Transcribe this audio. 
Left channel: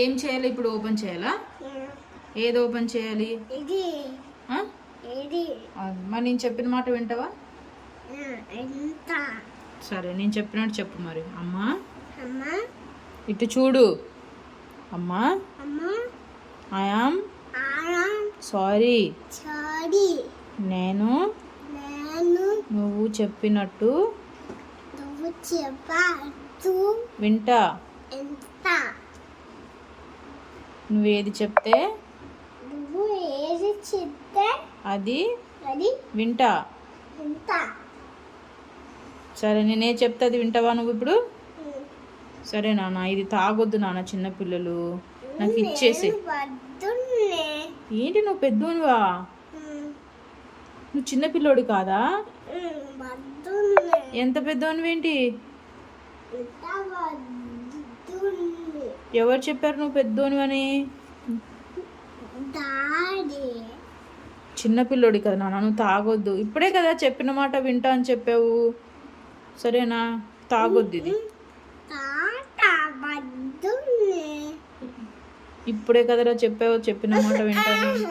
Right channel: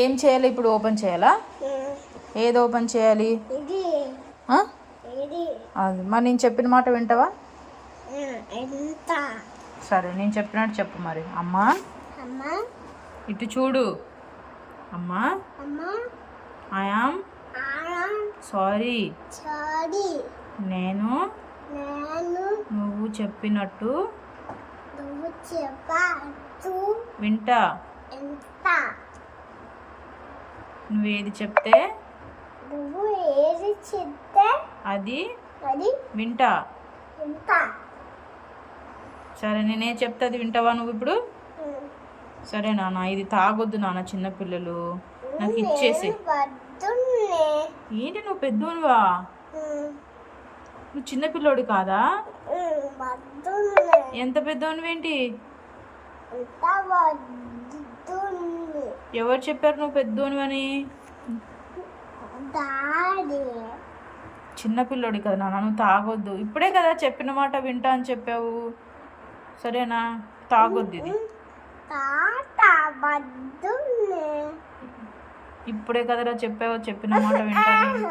ఏం చేయాలి ఇప్పుడు? ఓపెన్ చేయాలా? ఏది ఓపెన్ చేయాలి? అది మరి నేను చెప్పిన మాట వింటావా? సరే నేను చెప్పినట్టు చెప్పు మరి. అమ్మా ఇటు చూడు. అమ్మా ఐ యామ్ సారీ. నేను నువ్వు చెప్పినట్టు వింటా. నువ్వేది చెప్తే అది వింటా. సరే నేనే చెప్తే అది వింటావా నువ్వు ఇప్పుడు? సరే నాన్న, ఇది తాగొద్దు నాన్న, చిన్నపిల్లలు. నాకు ఇచ్చేసి. ఏంటి నువ్వు పెద్దోనువా? నువ్వు చిన్నపిల్లోడు కాదా? ఎంత పెద్దోనివేంటి? ఎవరు చెప్పారు నువ్వు పెద్దోనివని? చిన్నపిల్లోడు కదా నాన్న, నువ్వు తాగొద్దు. ఇప్పుడే కదా చెప్పిన మాట వింటా అని చెప్పావు. సరేనా? తాగొద్దు ఇది. ఇప్పుడే కదరా చెప్పావు చెప్పిన మాట వింటాను.